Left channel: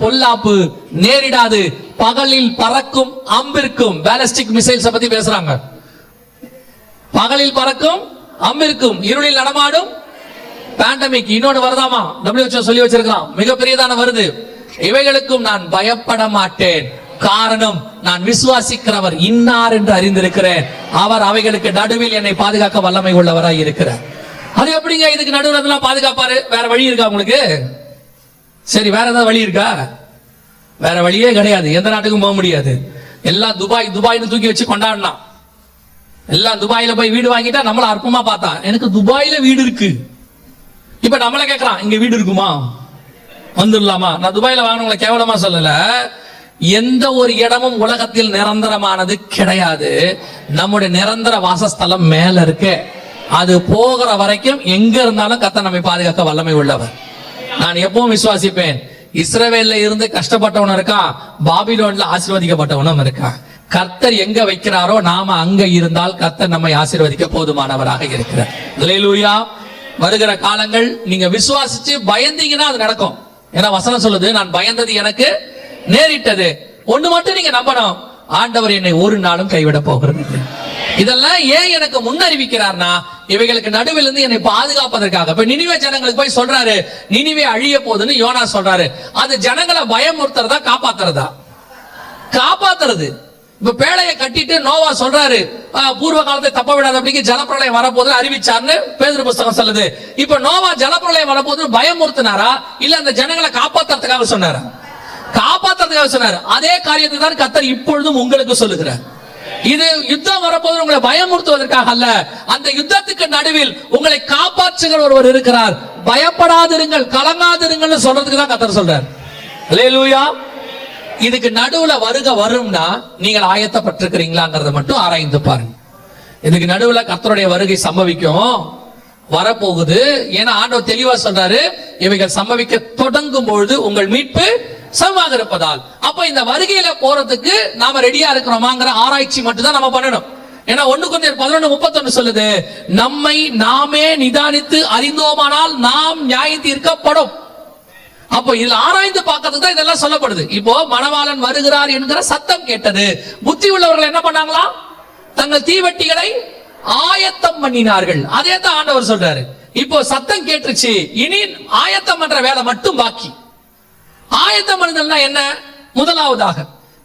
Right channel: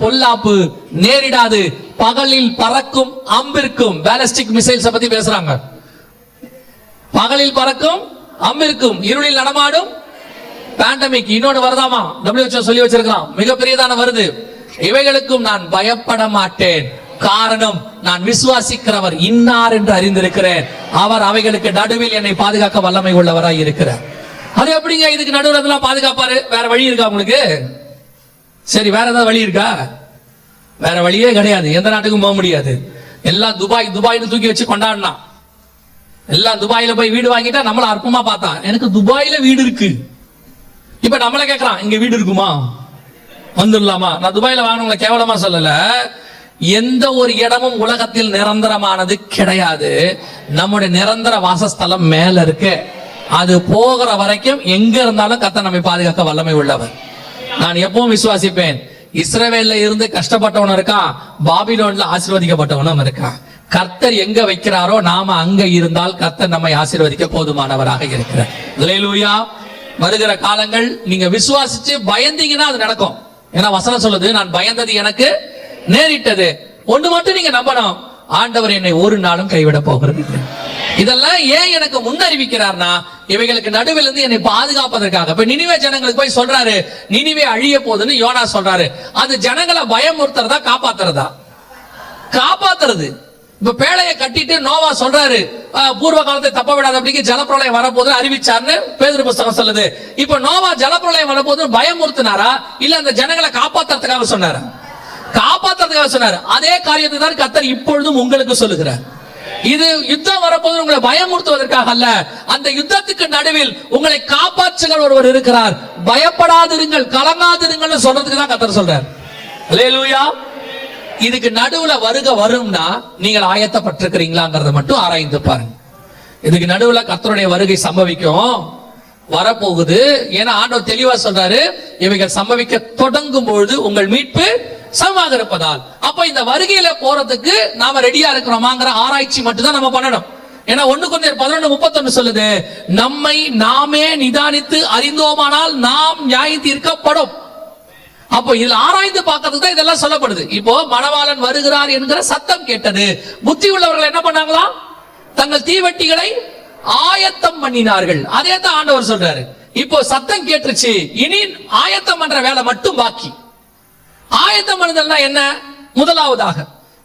பொல்லாப்பு நேரிடாது, பகலில் பறக்கும் அம்பிற்கும். பாலிஸ்டிக் மிசைல்ஸ் பத்தி பேசுறாங்க. பகலில் பறக்கும் அம்பிற்கும், இருளில் நடமாடும் பேண்டமிக். இன்னொன்னு வருதாமா, WHO சொல்லி வச்சிருக்கான், மிகப்பெரியதான வருது. இவைகளுக்கும் நான் பயப்பட மாட்டேன், காரணம் நான் விசுவாசிக்கிறவர் இன்னார் என்று அறிந்திருக்கிறேன், அவர் அவைகளுக்கு நடுவில் என்னை பாதுகாக்க வல்லமை உள்ளவராய் இருக்கிறார். அது எப்படிங்க இதுக்கு நடுவில் அதெல்லாம் பாதுகாப்பாரு? வேற வழி இருக்கா உங்களுக்கு? சரி, வேற ஏதாவது வழி இருக்கா? வேற வழியே கிடையாது. எந்த நாட்டுக்கும் போக முடியாது. எல்லாம் துபாய்னு தூக்கி வச்சு கொண்டாடலாம். எல்லாம் துபாயில போய் வீடு வாங்கிட்டா நம்மள அற்பமா பார்த்தா, எனக்கு துபாயில வீடு இருக்கு. இப்ப நம்மள கேட்கறான், இங்க வீடு இருக்குமா, வந்துடலாமா? நான் துபாயில வாங்கினவங்களை கேவலமா சொல்லல. எந்த ஒரு இடமும் உலகத்தில் நிரந்தரமானது கிடையாது. நம்முடைய நிரந்தர வாசஸ்தலம் மேல இருக்கு. அது போகிற வரைக்கும் எங்க இருந்தாலும் கர்த்தர் நம்மை பாதுகாக்க வல்லமை உள்ளவர். நான் எப்பவும் விசுவாசிப்பேன், இஸ்ரவேல்ல இருந்து கஷ்டப்பட்டவனும் இருக்கான், பாபிலோன்ல ஆசீர்வதிக்கப்பட்டவனும் இருக்கான். கர்த்தர் எங்க வைக்கிறாரோ நாம அங்க இருந்தால் கர்த்தர் நம்மை ஆசீர்வதிக்க போதுமானவராக இருக்கிறார். அல்லேலூயா. வருகிற காலங்கள் நீங்க விசுவாசிச்சு பயந்தீங்கன்னா அது நடக்கும். ஏன்னா வசனம் சொல்லுது, நான் பயந்தது எனக்கு நேரிட்டது. ஒண்ணு மட்டும் நீங்க நம்பணும், ஆண்டவர் என்னை ஒரு நாளும் கைவிட போகிறது. இதெல்லாம் ஏன் எனக்கு முன்னறிவிக்கிறார்னா, இவைகளுக்கு நடுவில் இருந்து என்னை பாதுகாப்பதற்காக. இப்ப நினிவே ஜனங்களுக்கு போய் சொல்றாரு, நினிவே அழிய போகுதுன்னு யோனா சொல்றாரு. அது ஜனங்களை பயமுறுத்துறதா காப்பாத்துறதா? காப்பாத்துறது. இப்ப பேழையை கட்டிட்டு நோவா சொல்றாரு, பூர்வ காலத்தை தப்ப விடாத அப்படிங்க ஜலப்பிரளயம் வரப்போது அறிவிச்சார்னு பேதுரு புஸ்தகம் சொல்லுது. இப்ப நோவா ஜலப்பிரளயம் வரப்போது பயமுறுத்தினாரா, இல்ல அந்த ஜனங்களை காப்பாத்துறதுக்காக சொன்னாரா? காப்பாத்துறதுக்காக சொன்னாரு. அதே காரியத்தை தான் கர்த்தர் இப்பொழுதும் உங்களுக்கு சொல்லுகிறார். இது யுத்தம் வரப்போது உங்களை பயமுறுத்துவதற்காக அல்ல, அந்த யுத்தத்துக்கு நடுவில் உங்களை காப்பாற்றுகிற ஒருவர் இருக்கிறார். பயப்படாதிருங்கள், கலங்காதிருங்கள் சொல்றதுக்கு தான் கர்த்தர் சொல்றார். அல்லேலூயா. இதுக்கு நடுவுல வரும்னா நீங்கள் ஆயத்தப்பட்டிருக்கிறீங்களாங்கிறத மட்டும் ஆராய்ந்து பாருங்க. இதுக்கு நடுவுல கர்த்தருடைய வருகை சம்பவிக்கும், வரப்போகுது. ஏன்னா ஆண்டவர் தெளிவா சொல்றாரு, இவைகள் சம்பவிக்க தொடங்கும் பொழுது உங்கள் மீட்பு சமமாக இருப்பதால். அப்ப இந்த வருகையில போறதுக்கு நாம ரெடியா இருக்கிறோமாங்கிற ஆராய்ச்சி மட்டும் தான் நம்ம பண்ணணும். ஏன்னா 1 கொரிந்தியர் 11:31 சொல்லுது, நம்மை நாமே நிதானித்து அறிந்தோமானால் நாம் நியாயம் தீர்க்கப்படும். அப்போ இதுல ஆராய்ந்து பார்க்கறதுக்கு தான் இதெல்லாம் சொல்லப்படுது. இப்போ மணவாளன் வருகிறார் என்கிற சத்தம் கேட்டது. புத்தி உள்ளவர்கள் என்ன பண்ணாங்களா? தங்கள் தீவெட்டிகளை ஆயத்தம் பண்ணினார்கள். அதே தான் ஆண்டவர் சொல்றாரு. இப்போ சத்தம் கேட்டுருச்சு, இனி ஆயத்தம் பண்ற வேலை மட்டும் பாக்கி. ஆயத்தம் பண்ணுதல்னா என்ன? முதலாவதாக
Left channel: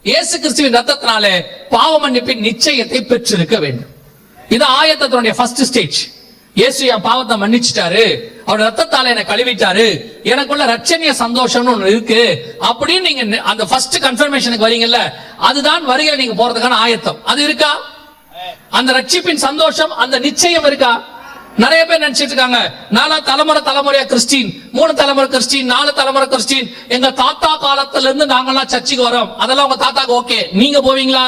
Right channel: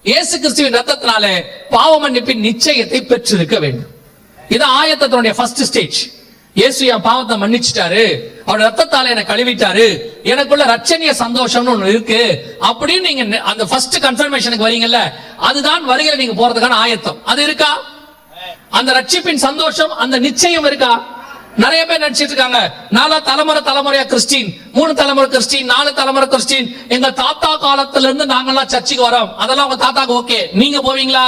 இயேசு கிறிஸ்துவின் ரத்தத்தினாலே பாவ மன்னிப்பின் நிச்சயத்தை பெற்றிருக்க வேண்டும். இது ஆயத்தத்தினுடைய ஃபர்ஸ்ட் ஸ்டேஜ். இயேசு என் பாவத்தை மன்னிச்சிட்டாரு, அவர் ரத்தத்தால என்னை கழுவிட்டாரு, எனக்குள்ள ரட்சணிய சந்தோஷம்னு ஒண்ணு இருக்கு அப்படின்னு நீங்க அந்த ஃபர்ஸ்ட் கன்ஃபர்மேஷனுக்கு வரீங்கல்ல, அதுதான் வருகையில நீங்க போறதுக்கான ஆயத்தம். அது இருக்கா? அந்த ரட்சிப்பின் சந்தோஷம், அந்த நிச்சயம் இருக்கா? நிறைய பேர் நினைச்சிட்டு இருக்காங்க, 4 தலைமுறையா கிறிஸ்டின், 3 தலைமுறை கிறிஸ்டின், 4 தலைமுறை கிறிஸ்டின், எங்க தாத்தா காலத்துல இருந்து நாங்கெல்லாம் சர்ச்சுக்கு வரோம். அதெல்லாம் உங்க தாத்தாக்கு ஓகே. நீங்க போவீங்களா?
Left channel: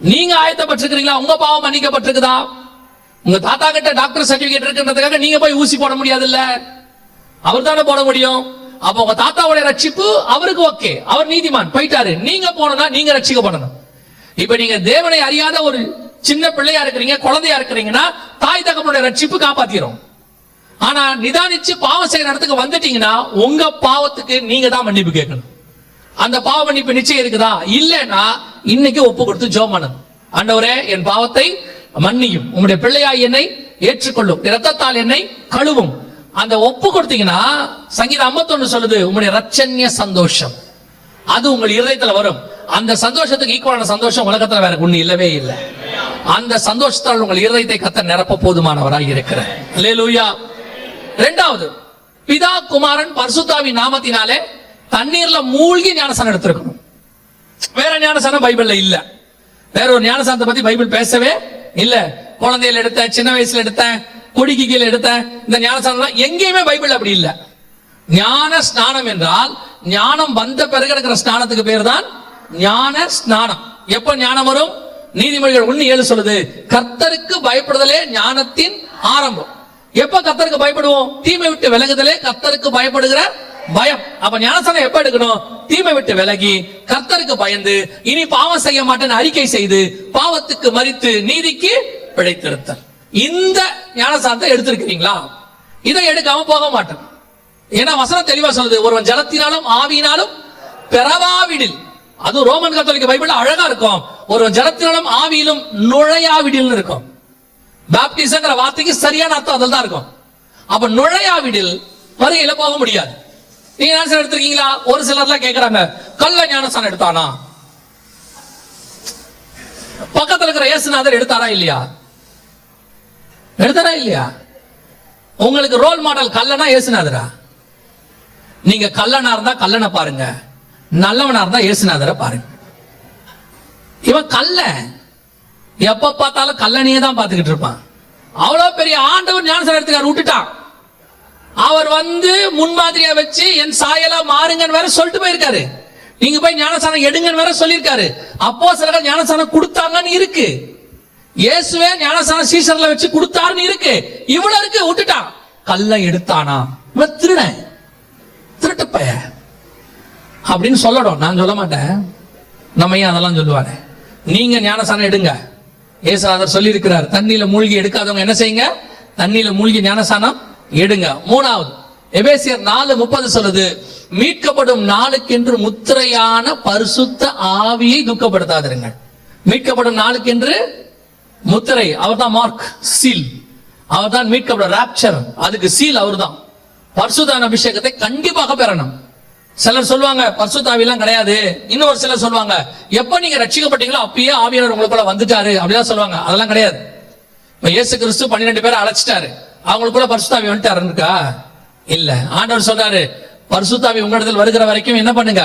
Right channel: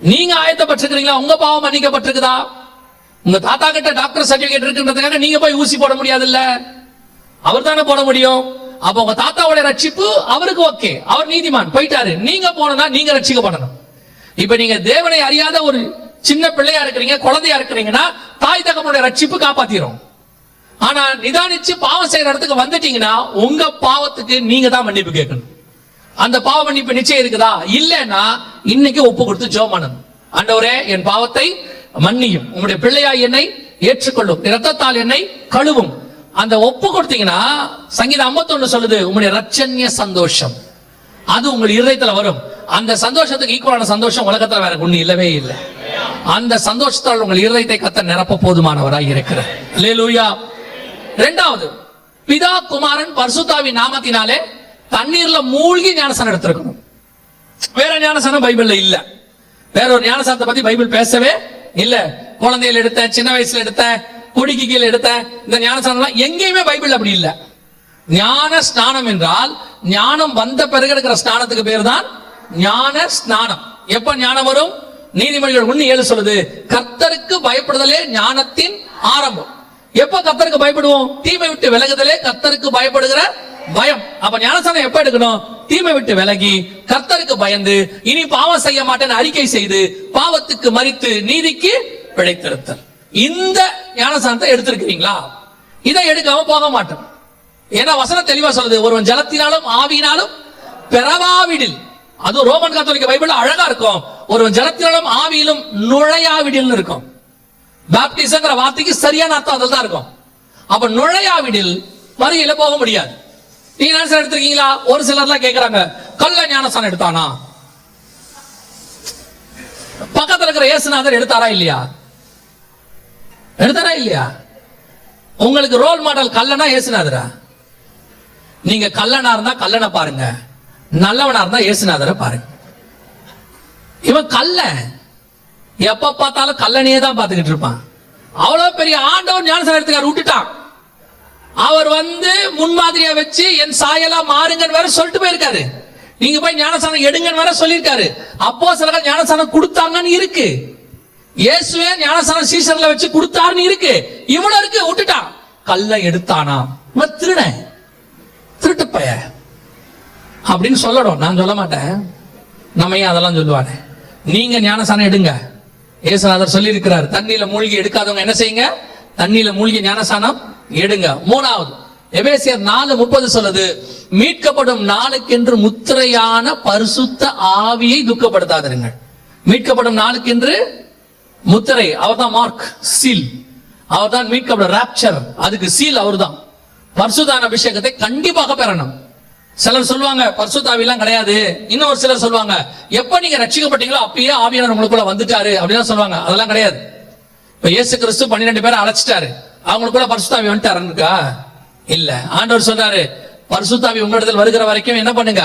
நீங்க ஆயத்தப்பட்டிருக்கிறீங்களா? உங்க பாவம் மன்னிக்கப்பட்டிருக்குதா? உங்க தாத்தா கிட்ட டாக்டர் சர்டிபிகேட் இருக்குன்றதுக்காக நீங்க போய் ஊசி போட முடியாது இல்ல, அவர் தானே போட முடியும். அப்ப உங்க தாத்தாவுடைய ரட்சிப்பு அவருக்கு ஓகே, அவர் நீதிமான் போயிட்டாரு. நீங்க போனா நீங்க ரட்சிக்கப்படணும். இப்ப நீங்க தேவனை அறியாத ஒரு சின்ன பிள்ளையா இருக்கிறீங்க, குழந்தையா இருக்கிறீங்கன்னா தாய் தகப்பனுடைய ரட்சிப்பு காப்பாத்திரும். ஆனா நிதானிச்சு பாவம் செய்யற இடத்துக்கு வந்துட்டீங்கன்னா உங்க பாவத்துக்கு நீங்க தான் மன்னிப்பு கேட்கணும். அந்த பாவ மன்னிப்பு நிச்சயம் இருக்குதா? இல்லன்னா இன்னைக்கு ஒப்பு கொடுத்து ஜெபம் பண்ணணும். ஆண்டவரே, என் பாவத்தை மன்னியும், உங்களுடைய பிள்ளையாய் என்னை ஏற்றுக்கொள்ளும், இரத்தத்தால் என்னை கழுவும். அந்த ஒப்பு கொடுத்தீங்கன்னா சங்கீதம் 51 சொல்லுது, உங்களுடைய ரட்சண்ய சந்தோஷம் அது உங்கள் இருதயத்துல வரும். அந்த சந்தோஷத்துக்கு ஈக்குவலான சந்தோஷம் உலகத்துல வேற ஒண்ணு இல்லவே இல்லை. அந்த சந்தோஷத்தால் உங்கள் இருதயத்தை கர்த்தர் நிரப்ப போதுமானவராய் இருக்கிறார். அல்லேலூயா. இரண்டாவது, பிதா குமாரன் பரிசுத்தாவின் நாமத்தினாலே தண்ணீர்ல மூழ்கி ஞானஸ்நானம் எடுத்திருக்கணும். வேற ஞானஸ்நானம் பைபிள்ல இல்ல. வேற ஒரு ஞானஸ்நானத்தை பத்தி பைபிள் பேசவே இல்ல. குழந்தையில எடுத்தேன், சின்ன வயசுல எடுத்தேன், கொடிக்கு கீழே எடுத்தேன், இந்த ஞானஸ்நானம் எங்கேயுமே பைபிள் அப்படி இல்ல. ஞான ஸ்நானம் என்றால் ஞானம் வந்த பிறகு எடுக்கிற ஸ்நானத்துக்கு பேர் தான் ஞான ஸ்நானம். எப்ப ஞானம் வரும்? நீதிமொழிகள் 1:7 சொல்லுது, கர்த்தருக்கு பயப்படுதலே ஞானத்தின் ஆரம்பம். எப்ப கர்த்தருக்கு பயப்படுவோம்? தீமை விட்டு விலகுதலே கர்த்தருக்கு பயப்படுகிற பயம். அப்ப ஞானஸ்நானம் எப்ப எடுக்கணும்? தீமை விட்டு விலகி கர்த்தருக்கு பயந்து இனி பாவம் செய்ய மாட்டேன்னு அறிக்கை செய்து பாவத்துக்கு மரித்து நீதிக்கு பிழைத்திருத்தல். இந்த ஞானஸ்நானத்தை எடுத்திருக்கிறீங்களா? இதை எடுக்காம போக மாட்டோம். ஏன்னா வசனம் தெளிவா சொல்லுது, ஒருவன் ஜலத்தினாலும் ஆவியினாலும் பெறவாவிடில். அது ரோமன் கத்தோலிக்க பைபிள் அழகா இருக்கும். ஒருவன் ஜலத்தினாலும் ஆவியிலும் நுழையாவிடில் இருக்கும். பாப்டிசம்ங்கிற வார்த்தைக்கு சரியான அர்த்தம் அதில் தான் இருக்கும். அப்ப நுழையாவிடில் வரையில போக முடியாது. நீங்க ஞானஸ்நானம் எடுத்திருக்கீங்களா? ஒரு சிலர்லாம் கேட்கிறாங்க, கள்ள ஞானஸ்நானம் எடுத்தானா? பக்கத்துல இருக்கிற இயேசுநாதர் எடுத்தாரா இல்லையா? எடுத்தாரா இல்லையா? உங்களுக்கு ரோல் மாடல் கல்லனா இயேசுநாதரா? நீங்க கல்லனா இருந்தா கல்லனை பாருங்க, நல்லவனா இருந்தா இயேசுநாதரை பாருங்க. இவன் கல்ல எப்ப பார்த்தாலும் கல்லனையே தான் பார்த்துக்கிட்டு இருப்பான். அவ்வளவு பெரிய ஆண்டவர் ஞானஸ்நானம் எடுத்துக்காரு, விட்டுட்டான். அவர் முன்மாதிரியா வச்சு என் சாயலா மாறுங்கன்னு வேற சொல்லிட்டு போயிருக்காரு. நீங்க போய் ஞானஸ்நானம் எடுங்கன்னு வேற சொல்லியிருக்காரு. அப்போஸ்தலர்கள் ஞானஸ்நானம் கொடுத்தாங்கன்னு இருக்கு. இயேசுவே ஞானஸ்நானம் சீசர்ல வச்சு கொடுத்தாருன்னு இருக்கு. இவ்வளவு இருக்கு, விட்டுட்டான். கல்ல எடுத்தானா? இவன் திருடன், திருட்டு பைய அப்படின்னு சொல்லணும். நான் சொல்ல மாட்டேன், நம்ம ஏன் அதெல்லாம் சொல்லுவானே. நீங்க ஞானஸ்நானம் எடுங்க, இயேசுநாதர் சொல்லி இருக்கிறார். தண்ணியில மூழ்கி எடுக்காதவங்க என்ன செய்யுங்க? தண்ணியில மூழ்கி ஞானஸ்நானம் எடுங்க. மூணாவது எபேசியர் 4:30 சொல்லுது, மீட்கப்படும் நாளுக்கென்று முத்திரையான பரிசுத்த ஆவியை துக்கப்படுத்தாதிருங்கள். மீட்கப்படும் நாளுக்கென்று முத்திரை, அவர் தான் மார்க், சீல். அவர் தான் மீட்கப்படும் ராப்சர், அதுக்கு சீல் அவர் தான். பரிசுத்தான அபிஷேகத்தை கண்டிப்பாக பெறணும். சிலர் சொல்லுவாங்க பரிசுத்த ஆவியெல்லாம் கிடையாது. இன்னொரு சிலர் சொல்லுவாங்க, எப்ப நீங்க ரட்சிக்கப்பட்டீங்களோ அப்பயே ஆவியானவர் உங்களுக்குள்ள வந்துட்டாரு அப்படிலாம் சொல்லுவாங்க. அதெல்லாம் கிடையாது. இப்ப இயேசு கிறிஸ்து 12 பேரை அழைச்சிட்டாரு, அவங்களுக்குள்ள பரிசுத்த ஆவி வந்துட்டாருக்கா? இல்ல. ஆண்டவர் சொன்னாரு, பரிசுத்த ஆவி உங்களிடத்தில் வருகிற வரைக்கும் என்ன பண்ணுங்க?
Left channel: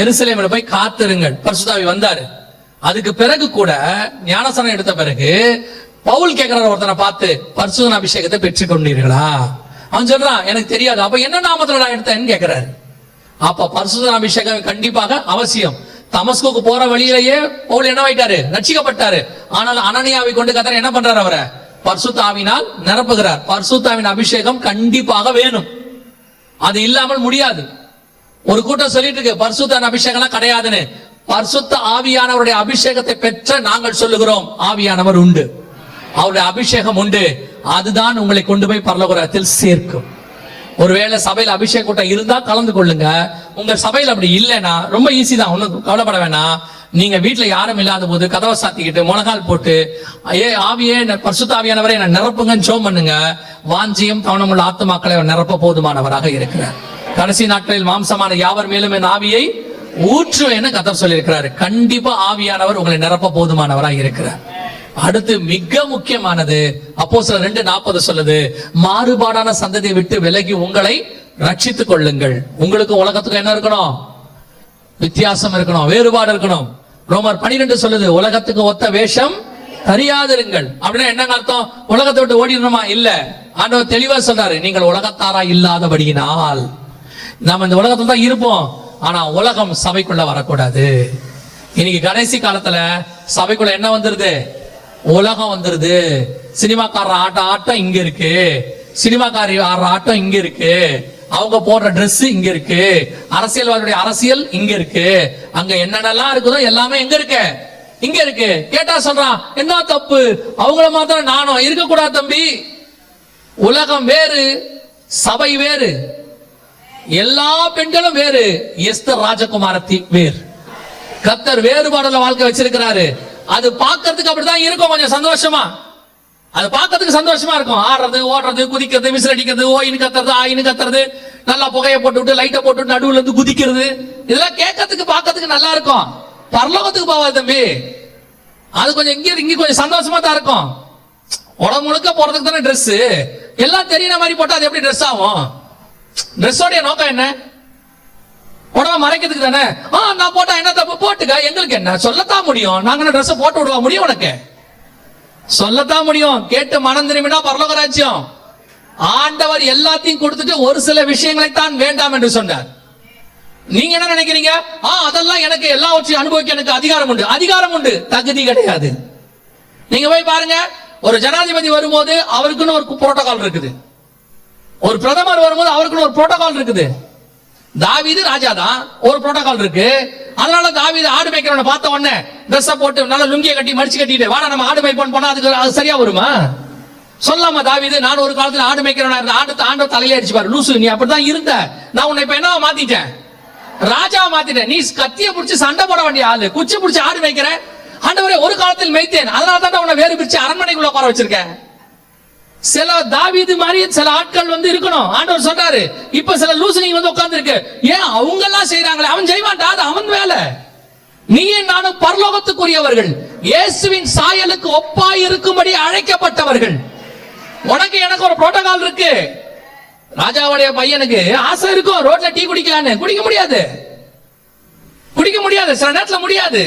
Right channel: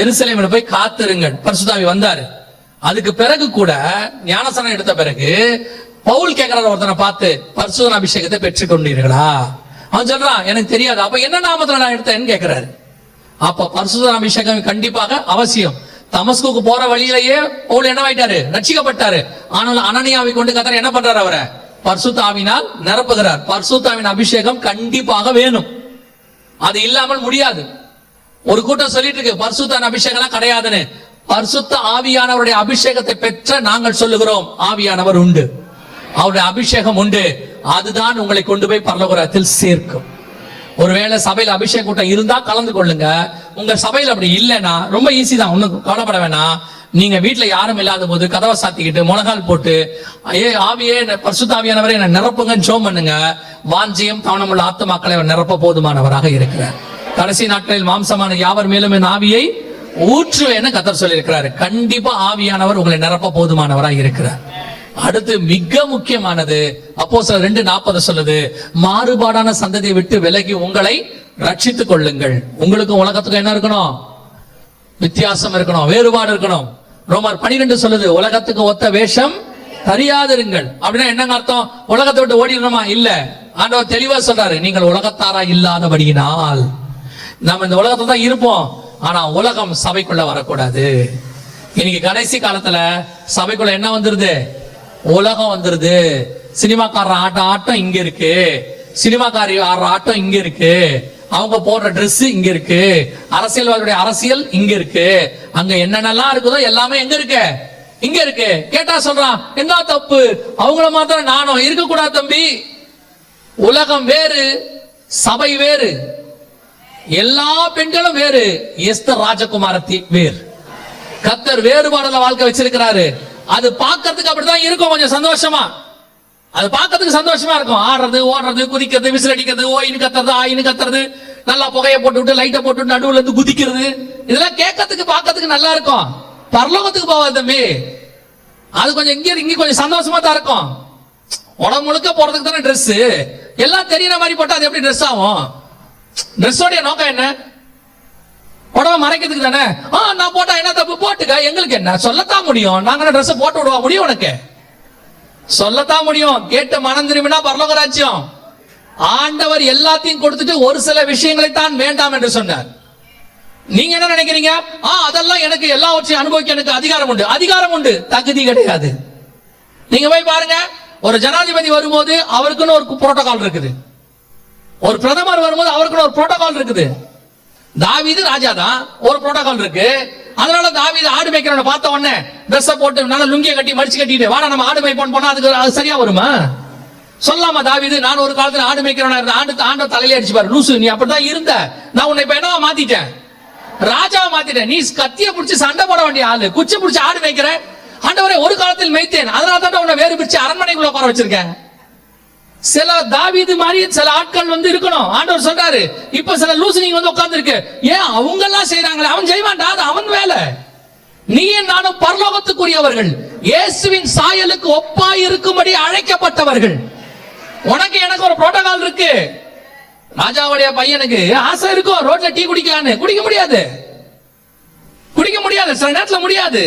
எருசலேமில் போய் காத்திருங்கள். பரிசுத்த ஆவி வந்தாரு. அதுக்கு பிறகு கூட ஞானஸ்நானம் எடுத்த பிறகு பவுல் கேட்கிறார் ஒருத்தனை பார்த்து, பரிசுத்த அபிஷேகத்தை பெற்றுக் கொண்டீர்களா? அவன் சொல்றான், எனக்கு தெரியாது. அப்ப என்ன நாமத்துல நான் எடுத்தேன்னு கேட்கிறாரு. அப்ப பரிசுத்த அபிஷேகம் கண்டிப்பாக அவசியம். தமஸ்குக்கு போற வழியிலேயே பவுல் என்ன ஆயிட்டாரு? ரட்சிக்கப்பட்டாரு. ஆனால் அனனியாவை கொண்டு கர்த்தர் என்ன பண்றாரு? அவரை பரிசுத்த ஆவியினால் நிரப்புகிறார். பரிசுத்த ஆவியின் அபிஷேகம் கண்டிப்பாக வேணும், அது இல்லாமல் முடியாது. ஒரு கூட்டம் சொல்லிட்டு இருக்கு பரிசுத்த அபிஷேகம் கிடையாதுன்னு. பரிசுத்த ஆவியானவருடைய அபிஷேகத்தை பெற்ற நாங்கள் சொல்லுகிறோம், ஆவியானவர் உண்டு, அவருடைய அபிஷேகம் உண்டு. அதுதான் உங்களை கொண்டு போய் பரலோகத்தில் சேர்க்கும். ஒருவேளை சபையில அபிஷேக கூட்டம் இருந்தா கலந்து கொள்ளுங்க. உங்க சபையில அப்படி இல்லைன்னா ரொம்ப ஈஸி தான், ஒன்னும் கவலைப்பட வேணாம். நீங்க வீட்டுல யாரும் இல்லாத போது கதவை சாத்திக்கிட்டு முழங்கால் போட்டு, ஆவியே பரிசுத்த ஆவியானவரை என்ன நிரப்புங்கன்னு ஜெபம் பண்ணுங்க. வாஞ்சியம் கவனமுள்ள ஆத்துமாக்களை அவர் நிரப்ப போதுமானவராக இருக்கிறார். கடைசி நாட்களில் மாம்சமான யாவர் மேலும் என் ஆவியை ஊற்றுவேன்னு கர்த்தர் சொல்லியிருக்கிறாரு. கண்டிப்பா ஆவியானவர் உங்களை நிரப்ப போதுமானவராக இருக்கிறார். அடுத்து மிக முக்கியமானது அப்போஸ்தலர் 2:40 சொல்லுது, மாறுபாடான சந்ததியை விட்டு விலகி உங்களை ரட்சித்துக் கொள்ளுங்கள். உங்களுக்கும் உலகத்துக்கும் என்ன இருக்கணும்? வித்தியாசம் இருக்கணும், வேறுபாடு இருக்கணும். ரோமர் 12 சொல்லுது, உலகத்துக்கு ஒத்த வேஷம் தெரியாதிருங்கள். அப்படின்னா என்னங்க அர்த்தம்? உலகத்தை விட்டு ஓடிடணுமா? இல்ல. ஆண்டவர் தெளிவா சொல்றாரு, நீங்கள் உலகத்தாரா இல்லாதபடியினால். நாம இந்த உலகத்துல தான் இருப்போம், ஆனா உலகம் சபைக்குள்ள வரக்கூடாது. இன்னைக்கு கடைசி காலத்துல சபைக்குள்ள என்ன வந்துருது? உலகம் வந்துருது. சினிமாக்கார ஆட்டம் இங்க இருக்கு, சினிமாக்காரி ஆடுற ஆட்டம் இங்க இருக்கு, அவங்க போடுற ட்ரெஸ் இங்க இருக்கு, அரசியல்வாதியுடைய அரசியல் இங்க இருக்கு, அங்க என்னென்னலாம் இருக்குதோ எல்லாமே எங்க இருக்கு? இங்க இருக்கு. கேட்டா சொல்றான், என்ன தப்பு? அவங்கள மாத்திரம் நானும் இருக்க கூடாது தம்பி. உலகம் வேறு, சபை வேறு, எல்லா பெண்களும் வேறு, எஸ்தர் ராஜகுமாரத்தி வேறு. கர்த்தர் வேறுபாடுள்ள வாழ்க்கை வச்சிருக்கிறாரு. அது பார்க்கறதுக்கு அப்படிதான் இருக்கும், கொஞ்சம் சந்தோஷமா. அது பார்க்கறதுக்கு சந்தோஷமா இருக்கும். ஆடுறது, ஓடுறது, குதிக்கிறது, விசில் அடிக்கிறது, ஓயின்னு கத்துறது, ஆயின்னு கத்துறது, நல்லா புகையை போட்டு விட்டு லைட்டை போட்டு விட்டு நடுவுல இருந்து குதிக்கிறது, இதெல்லாம் கேட்கறதுக்கு பார்க்கறதுக்கு நல்லா இருக்கும். பரலோகத்துக்கு போவாது தம்பி. அது கொஞ்சம் இங்க கொஞ்சம் சந்தோஷமா தான் இருக்கும். உடம்பு முழுக்க போறதுக்கு தானே ட்ரெஸ், எல்லாம் தெரியற மாதிரி போட்டா அது எப்படி ட்ரெஸ் ஆகும்? ட்ரெஸ்ஸோடைய நோக்கம் என்ன? உடம்ப மறைக்கிறதுக்கு தானே. நான் போட்டா என்ன தப்பு? போட்டுக்க, எங்களுக்கு என்ன? சொல்லத்தான் முடியும். நாங்க ட்ரெஸ் போட்டு விடுவா முடியும்? உனக்கு சொல்லத்தான் முடியும். கேட்டு மனம் திரும்பினா பரலோக ராஜ்யம். ஆண்டவர் எல்லாத்தையும் கொடுத்துட்டு ஒரு சில விஷயங்களை தான் வேண்டாம் என்று சொன்னார். நீங்க என்ன நினைக்கிறீங்க? அதெல்லாம் எனக்கு எல்லாவற்றையும் அனுபவிக்க எனக்கு அதிகாரம் உண்டு. அதிகாரம் உண்டு, தகுதி கிடையாது. நீங்க போய் பாருங்க, ஒரு ஜனாதிபதி வரும்போது அவருக்குன்னு ஒரு புரோட்டோகால் இருக்குது. ஒரு பிரதமர் வரும்போது அவருக்குன்னு ஒரு புரோட்டோகால் இருக்குது. தாவீது ராஜா தான், ஒரு புரோட்டோகால் இருக்கு. அதனால தாவீது ஆடு மேய்க்கிறவனை பார்த்த உடனே ட்ரெஸ் போட்டு நல்லா லுங்கிய கட்டி மடிச்சு கட்டிட்டு வாடா நம்ம ஆடு மேய்ப்போம் போனா அதுக்கு சரியா வருமா? சொல்லாம தாவீது, நான் ஒரு காலத்துல ஆடு மேய்க்கிறவனா இருந்த, ஆண்டு தலையில அடிச்சு பாரு, லூசு நீ அப்படிதான் இருந்த, நான் உன்னை இப்ப என்னவா மாத்திட்டேன், ராஜாவை மாத்திட்டேன். நீ கத்திய பிடிச்சி சண்டை போட வேண்டிய ஆளு, குச்சி பிடிச்சி ஆடு மேய்க்கிற. ஆண்டவரே ஒரு காலத்தில் மேய்த்தேன், அதனால தான் உன்னை வேறு பிரிச்சு அரண்மனைக்குள்ள உட்கார வச்சிருக்கேன். சில தாவீது மாதிரி சில ஆட்கள் இருக்கணும். ஆண்டவர் சொல்றாரு, இப்ப சில லூசு நீங்க உட்கார்ந்து இருக்கு, ஏன் அவங்க எல்லாம் செய்யறாங்களே, அவன் செய்வான்டா, அது அவன் வேலை. நீயும் நானும் பரலோகத்துக்குரியவர்கள், இயேசுவின் சாயலுக்கு ஒப்பாய் இருக்கும்படி அழைக்கப்பட்டவர்கள். உனக்கு எனக்கு ஒரு புரோட்டோகால் இருக்கு. ராஜாவுடைய பையனுக்கு ஆசை இருக்கும் ரோட்ல டீ குடிக்கலான்னு, குடிக்க முடியாது, சில நேரத்துல முடியாது.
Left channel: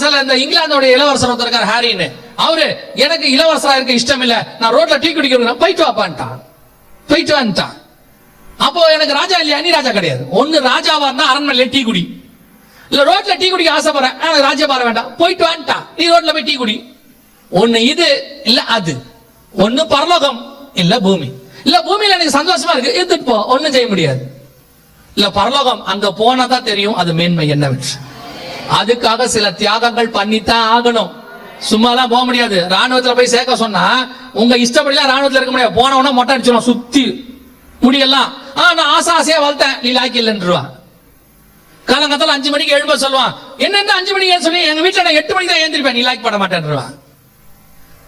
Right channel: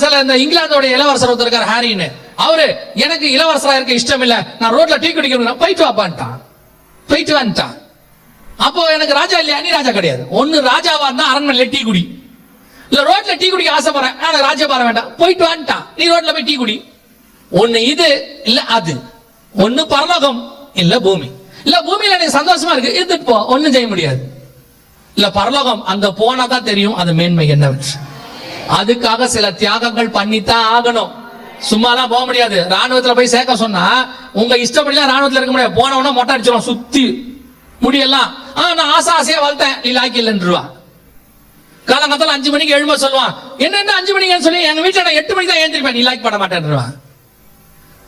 சில இந்த இங்கிலாந்தோட இளவரசர் இருக்கார் ஹாரின்னு, அவரு எனக்கு இளவரசரா இருக்க இஷ்டம் இல்ல, நான் ரோட்ல டீ குடிக்கிறேன், போயிட்டு வாப்பான்ட்டான், போயிட்டு வந்துட்டான். அப்போ எனக்கு ராஜா இல்லையா, நீ ராஜா கிடையாது. ஒன்னு ராஜாவா இருந்தா அரண்மனையில டீ குடி, இல்ல ரோட்ல டீ குடிக்க ஆசைப்படுறேன், எனக்கு ராஜா பார வேண்டாம், போயிட்டு வந்துட்டான், நீ ரோட்ல போய் டீ குடி. ஒன்னு இது இல்ல அது, ஒன்னு பரலோகம் இல்ல பூமி. இல்ல பூமியில நீ சந்தோஷமா இருக்கு, எடுத்துட்டு போ, ஒன்னும் செய்ய முடியாது. இல்ல பரலோகம், அங்க போனாதான் தெரியும் அது மேன்மை என்னவென்று. அதுக்காக சில தியாகங்கள் பண்ணித்தான் ஆகணும், சும்மாலாம் போக முடியாது. ராணுவத்துல போய் சேர்க்க சொன்னா உங்க இஷ்டப்படிலாம் ராணுவத்துல இருக்க முடியாது. போனவன மொட்டை அடிச்சிடும், சுத்தி முடியெல்லாம். நான் ஆசையா வளர்த்தேன், நீ லாய்க்கு இல்லைன்றுவான். காலங்கத்துல 5 மணிக்கு எழும்ப சொல்லுவான், என்ன 5 மணிக்கு சொல்லி எங்க வீட்டுல நான் 8 மணிக்கு தான் எழுந்திருப்பேன், நீ லாய்க் பண்ண மாட்டேன்றான்.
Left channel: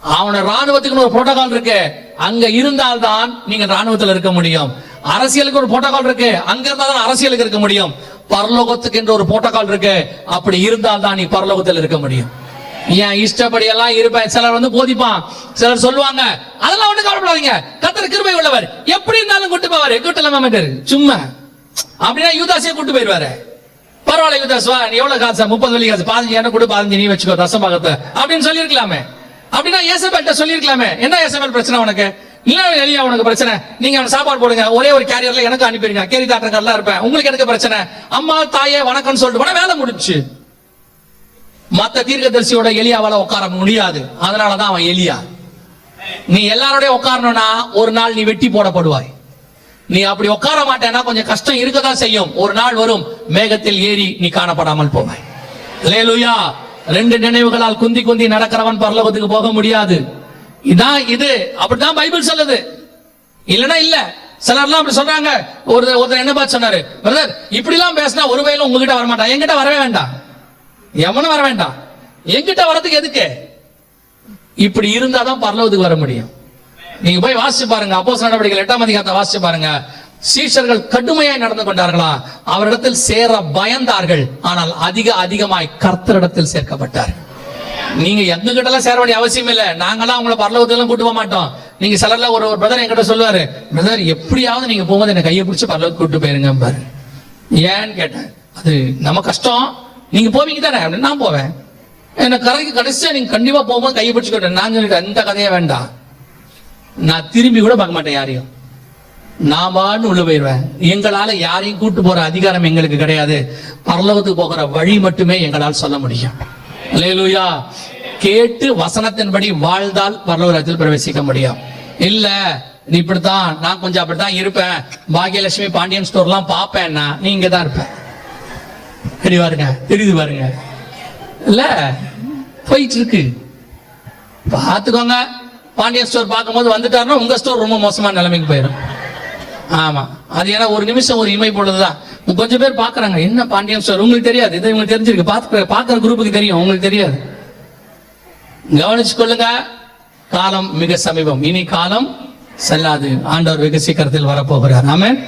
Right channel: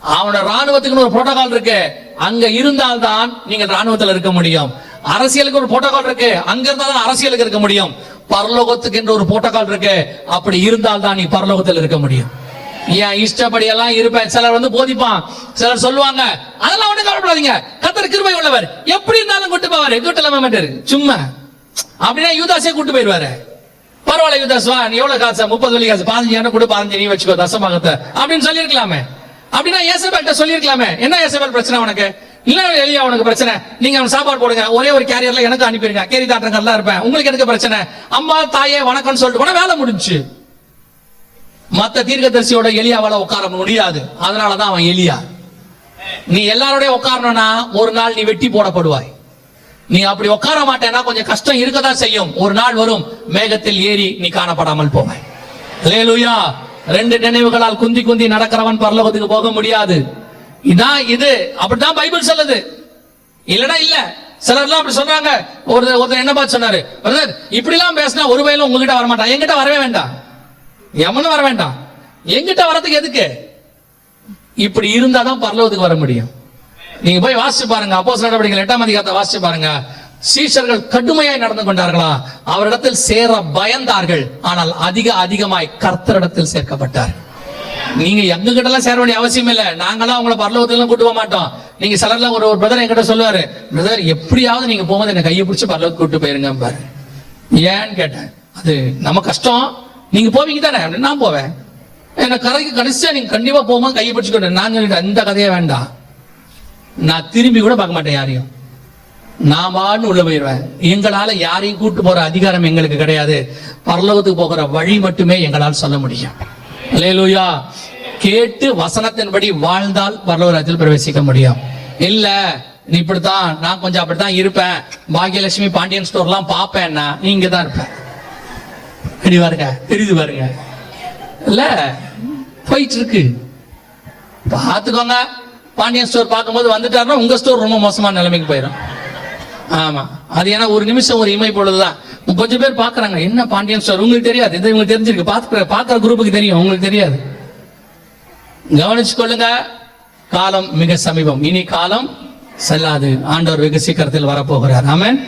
அவன ராணுவத்துக்கு ஒரு புரோட்டோகால் இருக்கு, அங்க இருந்தால்தான் நீங்க ராணுவத்தில் இருக்க முடியும். அரசியலுக்கு ஒரு புரோட்டோகால் இருக்கு, அங்க இருந்தால்தான் அரசியலுக்கு இருக்க முடியும். பரலோகத்துக்கு என்ற ஒரு புரோட்டோகால் இருக்கு, அப்படி இருந்தால்தான் நீ பரலோகத்தில் இருக்க முடியும். ஏன் இஷ்டப்படி எல்லாம் இருப்பேன். சிலர் போதிப்பான், சிலர் சொல்லுவாங்க, அதெல்லாம் ஒண்ணு கவலைப்படாதீங்க, கர்த்தர் கிருபை உள்ளவர், எப்படி இருந்தாலும் கூட்டு போவாரு, கூட்டலாம் மாட்டாரு, சும்மா அப்படின்னா யூதாஸே கூட்டு போயிருவாரு. பரவாயில்ல யூதாஸ் வா, நீ எவ்வளவு காசா, 30 வெள்ளி காசு, 15 கொடு, 15 நீ வச்சுக்கோ தசமாகத்தை அப்படின்னு சொல்லிருக்கலாமே. அப்படின்னா ஏசபேல்ட்ட சொல்லிருக்கலாமே, என்ன ஏசபேல் பிரச்சனை உனக்கு, இல்ல எலியா உனக்கு பிரச்சனை, நீங்க அவன் சாப்பாடு போடுங்க, ஒரே ஒரு கேரியர்ல எனக்கு அனுப்பிடுங்க, கேரி தாட்டங்கள்லாம் இருப்பேன், உங்களுக்கு எனக்கு பிரச்சனை, அம்மா தாயே வணக்கம்னு சொல்லிட்டு போனா வேலை முடிஞ்சு. மத்த தீர்க்கதரிசியோட எலியாவால உட்கார முடியாது, அதனாலதான் அவன் எலியா. நீ எல்லாரோடய உட்காரணும்னா ஒரு நாள் நீ வெட்டி போடப்படுவாய். நீ அப்படி உட்கார மாட்டேன்னா கொஞ்சம் கஷ்டம் இருக்கதான் செய்யும். ஒரு நாள் வரும், மேகத்தில் ஏறி நீ காணப்படாமல் போவாய். அல்லேலூயா. 2 நினைவுகளால் குந்தி குந்தி நடக்கிறவன் பரலோகத்துக்கு போக முடியாது. இதான் இது, அப்படித்தான் பைபிள் சொல்லுது, இல்லனா இல்ல. சிலர்லாம் அப்படி சொல்றாங்க. ஒருத்தர் என்ன பார்த்து சொன்னாரு, பிரதர் இப்படி எல்லாம் பேசினா ஒரு வயலும் உங்ககிட்ட வரமாட்டான், என்கிட்ட வரவே வேண்டாம், எவனும் வர வேண்டாம், என்கிட்ட வரதுக்கு எதுக்கு? இப்படி இருந்தாதான் பரலோகத்துக்கு வர முடியும். நீங்க போய் வாசிச்சு பாருங்க, அப்போஸ்தலர் நடவடிக்கைகள் 8ஆம் அதிகாரத்தை வாசிச்சு பாருங்க. சீஷர்கள் கடுமையாய் நடந்து கொண்டார்களா, அவரிடத்தில் சேர பயந்தார்கள், ஆனால் அதிகமாய் கர்த்தரிடத்தில் சேர்க்கப்பட்டார். நீங்க எங்க கிட்ட எல்லாம் சேர வேண்டிய அவசியம் இல்ல, நாங்களாம் உங்களை பரலோகத்துக்கு எல்லாம் கூட்டு போக மாட்டோம். நீங்க சிலர்ல ஒரு பிரதர் என்கிட்ட சொல்லுவாரு, பிரதர் எப்படியாவது நீங்க போகும்போது என்ன கையை பிடிச்சி பரலோகத்துக்கு கூட்டு போயிருங்க பாரு. ஏன்னு கேட்டேன், அது நம்ம கஷ்டம், நீங்க போவீங்க தானே, நான் போவேன், என்ன கரைக்கு கடைசியா நீங்க கண்டிப்பா போகும்போது கையை பிடிச்சுக்கிட்டேன். நான் சொல்லிட்டு அந்த கதையே வேண்டாம், நான் திரும்பி கூட பார்க்க மாட்டேன் யாரையும், நான் பாட்டு உள்ள போயிடுவேன். எங்களால யாரையும் கூட்டு போற அதிகாரம் எங்களுக்கு கிடையாது, பரலோகத்துக்கு போகிற வழி மட்டுமே எங்களால் சொல்ல முடியும். அல்லேலூயா. கேட்டு வசனத்தின்படி வாழ்ந்தால் பரலோகத்தில் பிரவேசிக்க முடியும். இல்ல நீ இப்படித்தான், நான் கொஞ்சம் அப்படித்தான் இருப்பேன், பாகியலட்சுமி பாண்டியன் ஸ்டோர்லாம் பாப்பேன்னா நீங்க தான் இருப்பேன். அடி பாருங்க, தெரியுது பாருங்க, இல்ல போயிட்டு இருக்கு, பாத்துக்கோங்க. பாண்டியன் ஸ்டோர் பார்க்கும்போது வந்துட்டாருன்னா உங்க ஸ்டோர் ரொம்ப மோசமான நிலைமைக்கு போயிடும். ஆமா, அது ஏன்னா ஒரு நிமிஷம் ஒரு இமை பொழுதுதான். கொஞ்சம் பேர் பாக்குறாங்க, என்ன பாண்டியன் ஸ்டோர், உங்களுக்கு தெரியாது, இது உங்களுக்கு தெரிஞ்சிருக்கு, பாக்குற குரூப்புக்கு தெரியும், உங்களுக்கு தெரியாது. கவனிச்சு கொள்ளுங்க, காலம் மிக சமீபம், இனி காலம் செல்லாது, ஆண்டவர் வெகு சீக்கிரத்தில் வரப்போகிறார். ஆமென்.